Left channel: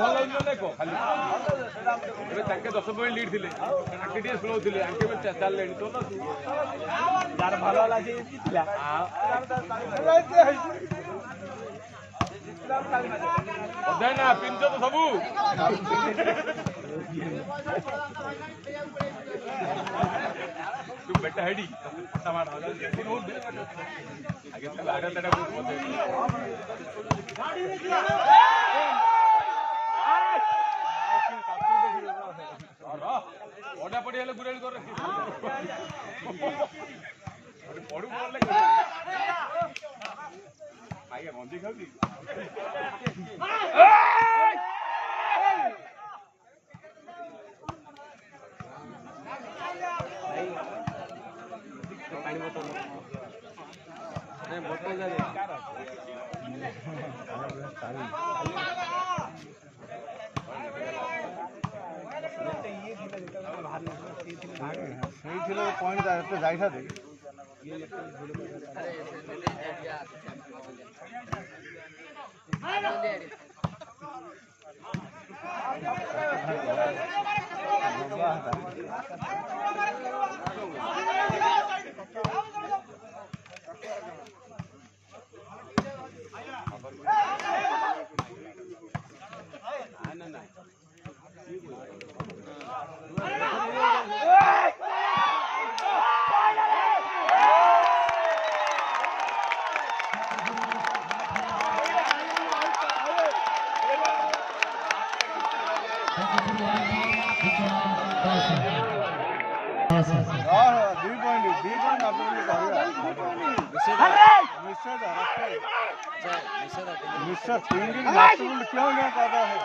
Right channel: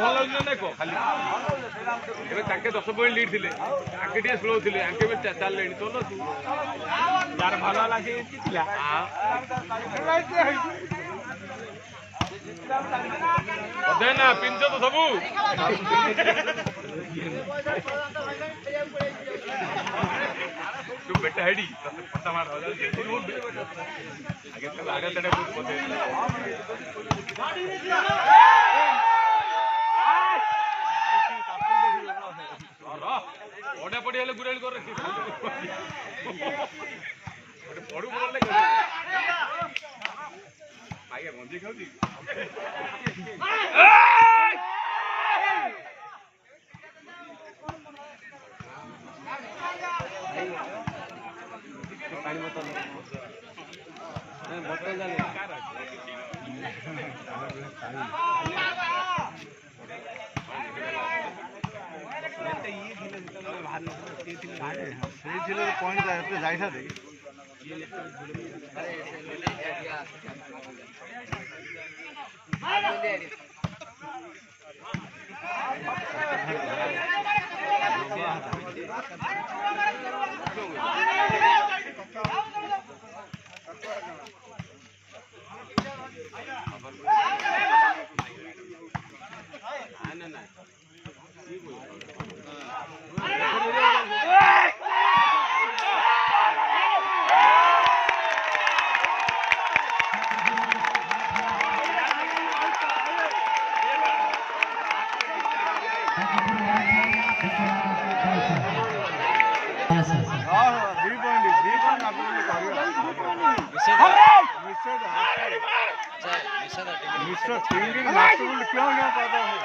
ଭଲ ଦେଖ ଖାଲି ଏବେ ତାଙ୍କେ 10 ପଏଣ୍ଟ ଲିଡ୍ ଥିଲେ ତାଙ୍କେ ଟିକେ ସ୍ଲୋ ଥିଲେ ଆଙ୍କେ ବି ଚାଲିଲେଣି ତ ନା ତୁ ଯାର ଭଲ ହେଲା ସେ ଜିତିଲା ଅଧେ ନା ପିଞ୍ଚ ତ ସବୁ तू बेटा हेडी पता मार हो जाए तो नोट आगे तो आगे तक बहुत पते ओडा पड़ी हेले गुरेल कर रखी पड़ू बोल ले आगे मंजी खाउती पानी बोतल नहीं बोतल जावे पॉइंट जाए था मिस्टर थिंकिंग नेचुरल क्यों नहीं पता है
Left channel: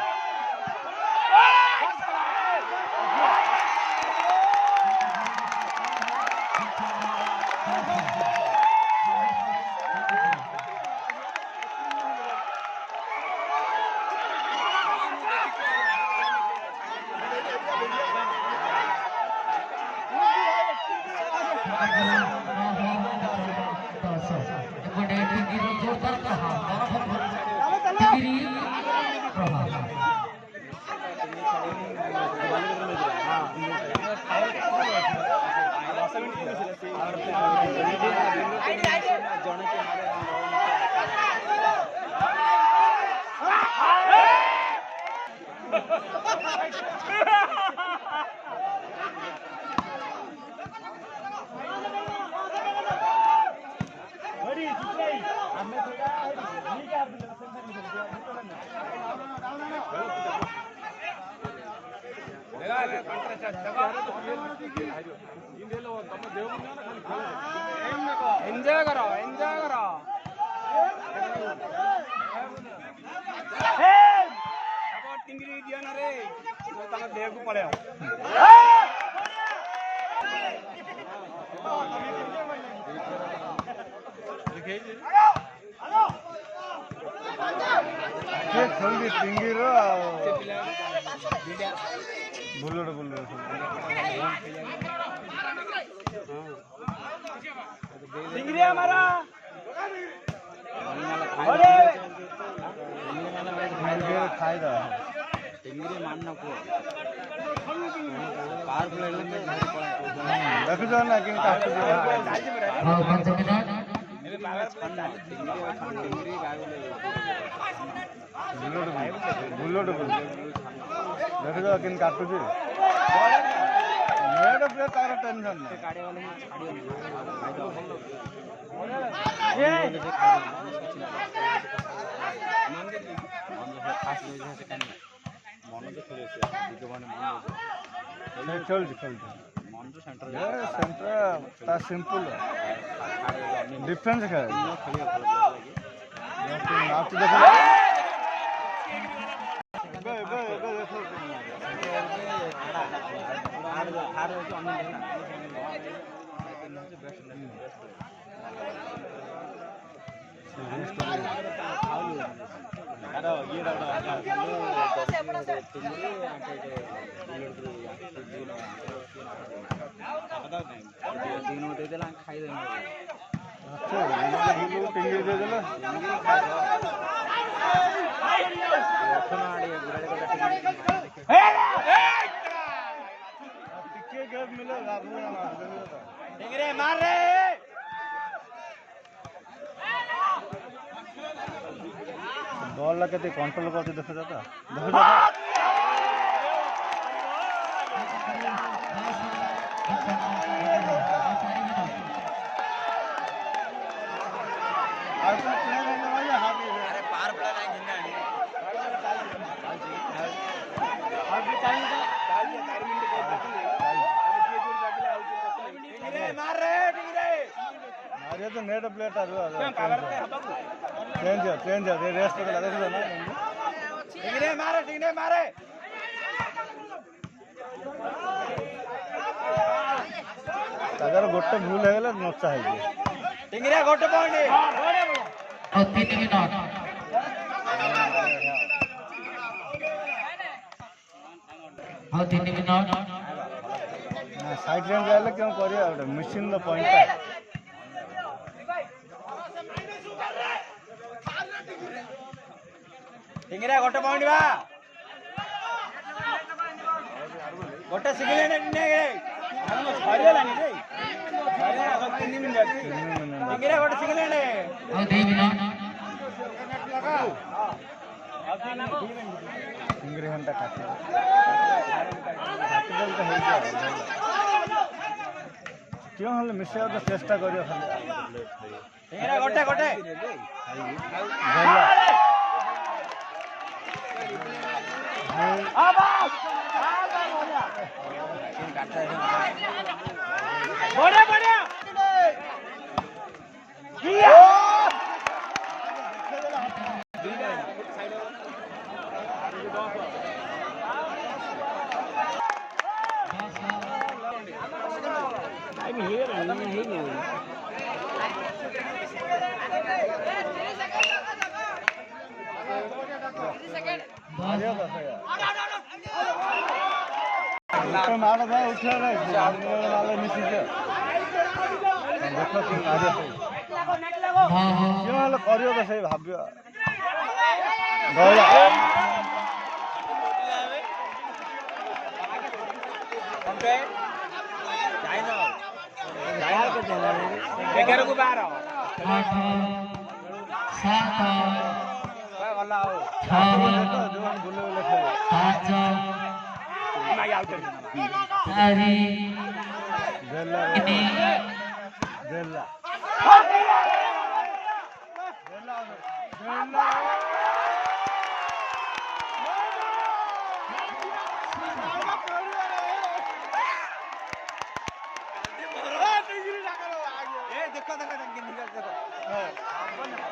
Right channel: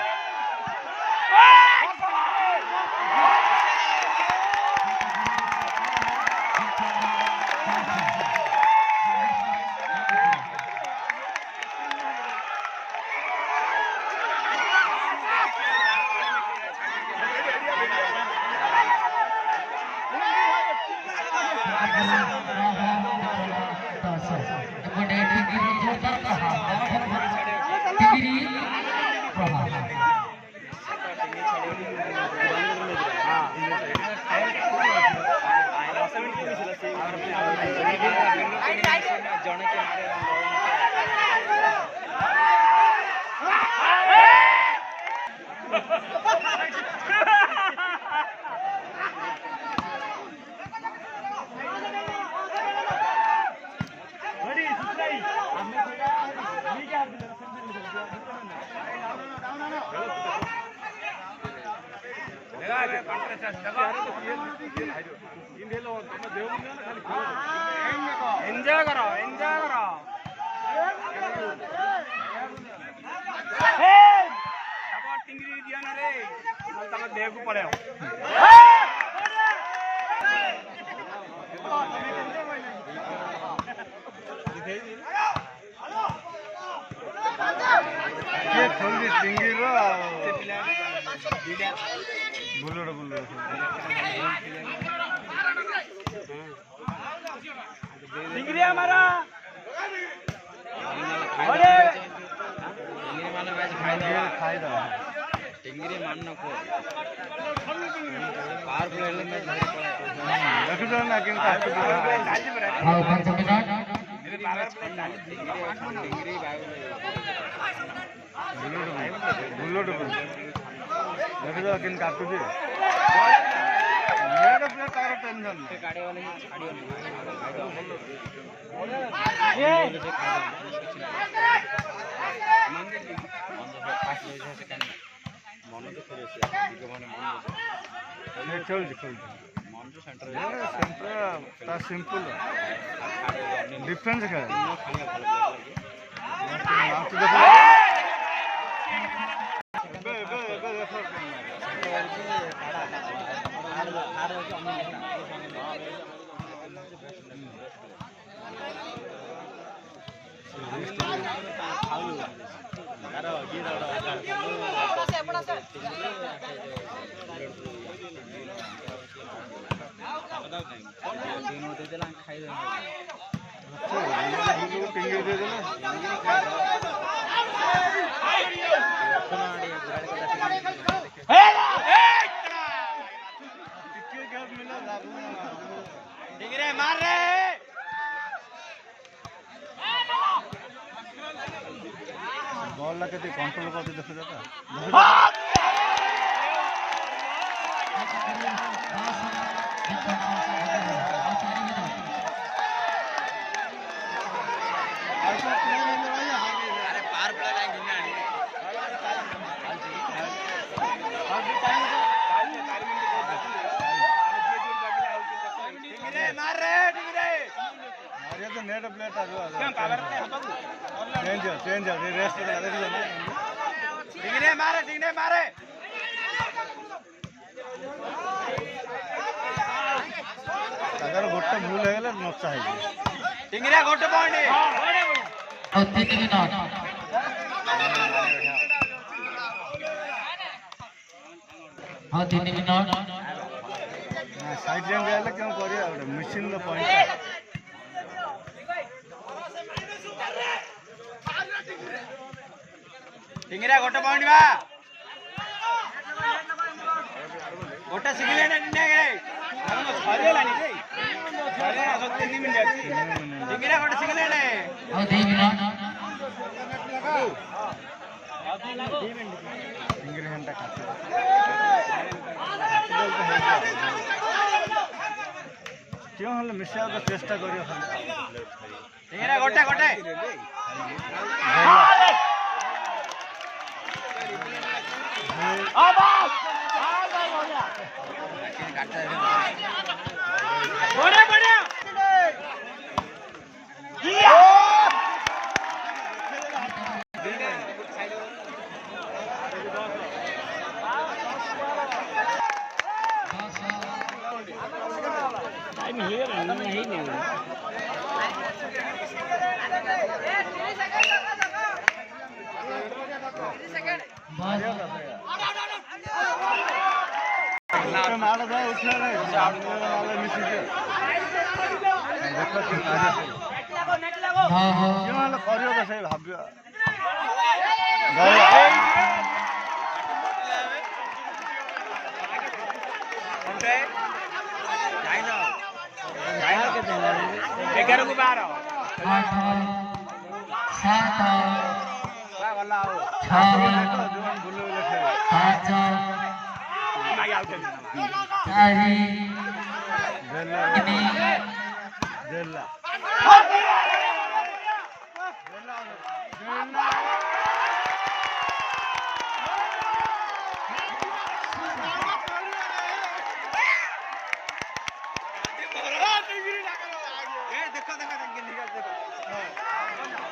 एंजॉय करो टिंगरी दिया ना रे तम देह को पड़े ये जल्दी टिंगी रो बुल्लड़ टिंगरी हमारा टिंगरी मानना को पावरफुल एलिमेंट रखो ना किन का हां कंपनी मेरे मैच टिंगरी बुल्लड़ रखो किन काटू के मेरे पे तारा टेंशन गाड़ी वाले ये चल सिंपल डिफरेंस है बॉलला किती कंट्रोल करते देखो जाता तो नेट प्लेट चेंज रेस्ट मारे अगर गोटे भूल है नचा है टिंगरे गोटे पॉइंट और 3 मिनट हाँ 3 मिनट साइड लाइन गए क्यों करिए मशीन द पॉइंट टिंगरे गोटे पॉइंट बा गोटे सिंगल ने हम सरियला नहीं रे सरिया सत्य 3 मिनट अछि टिंगरे गोटे सिंगल ने और 2 मिनट टिंगरे घंटा खाते क्यों हल मिसा को चेष्टा करियो टिंगरे गोटे गोटे टाइम है नहीं मार भाई उठा नहीं वाले मिसी से देखो क्यों आगे से हां हां क्यों वाले करियो तो सही भाबियो ओके जाई ना यार के देला रे 11 को 12 8 7 काय वाला आओ 6 बुलो लिखे 5 नहीं आउट तारी बेला किनी बेला देखो